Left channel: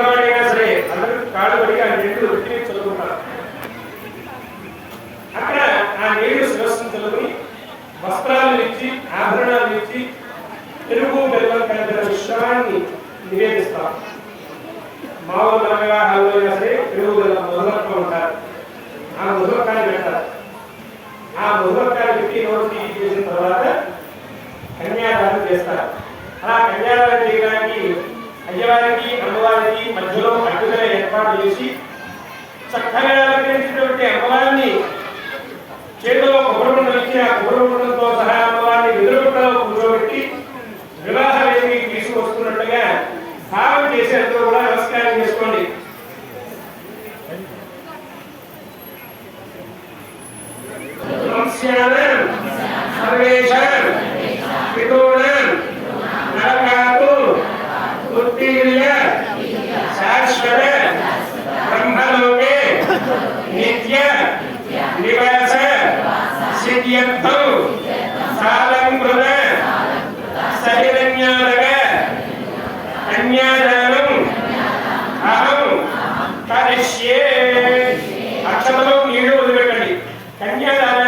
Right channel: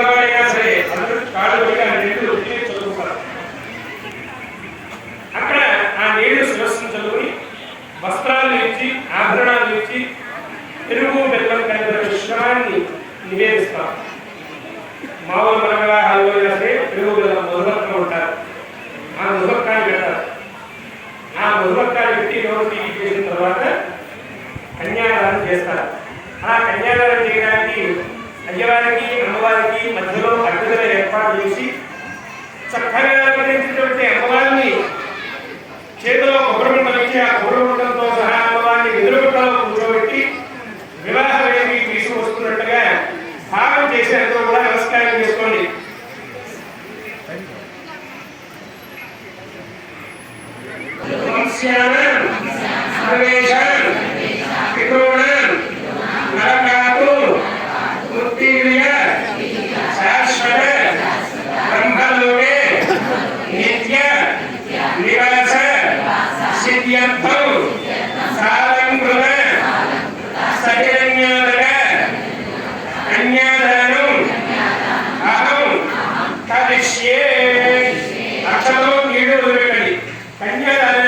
ఉన్నవాడైనా సరే అందరూ కాళ్ళు పడిగా నీళ్లు ఉత్తిని చదువుకుంటారు. అక్కడ ఆ నీళ్లు శిరస్సును చదువుకుని వస్త్రాలు ఇచ్చి ఆభరణాలు ఇచ్చి పెరుగు బెల్లం కలిపిన మిశ్రమాన్ని నివేదిస్తాం. మామూలు మన వివాహాల్లో అయినా సరే పెరుగు బెల్లం మధువర్కం ఉంటారు. ఆ మధువర్కాన్ని పెడతారు. ఆ మధువర్కాన్ని పెట్టి నోరు తీసి చేసిన తర్వాత కన్యాదానం చేస్తారు. ఆ కన్యాదానం చేయడానికి అయ్యవారికి అమ్మవారికి మధ్యలో అడ్డుదల ఏర్పాటు చేసి చక్కగా అలంకరించినటువంటి అమ్మవారిని చేతిలో కొబ్బరి ఉండలు ఇచ్చి ఆ కొబ్బరి ఉండలతో సహా అమ్మవారిని ఎదురుగుట్టలో కూర్చోబెట్టి వివాహ వేదికి తీసుకువస్తున్నట్టుగా భావం చేసి అందరూ కూడా నమస్కారం చేసుకోండి. అక్షతలో నీళ్లు వదిలిపెట్టండి. కన్యాదానం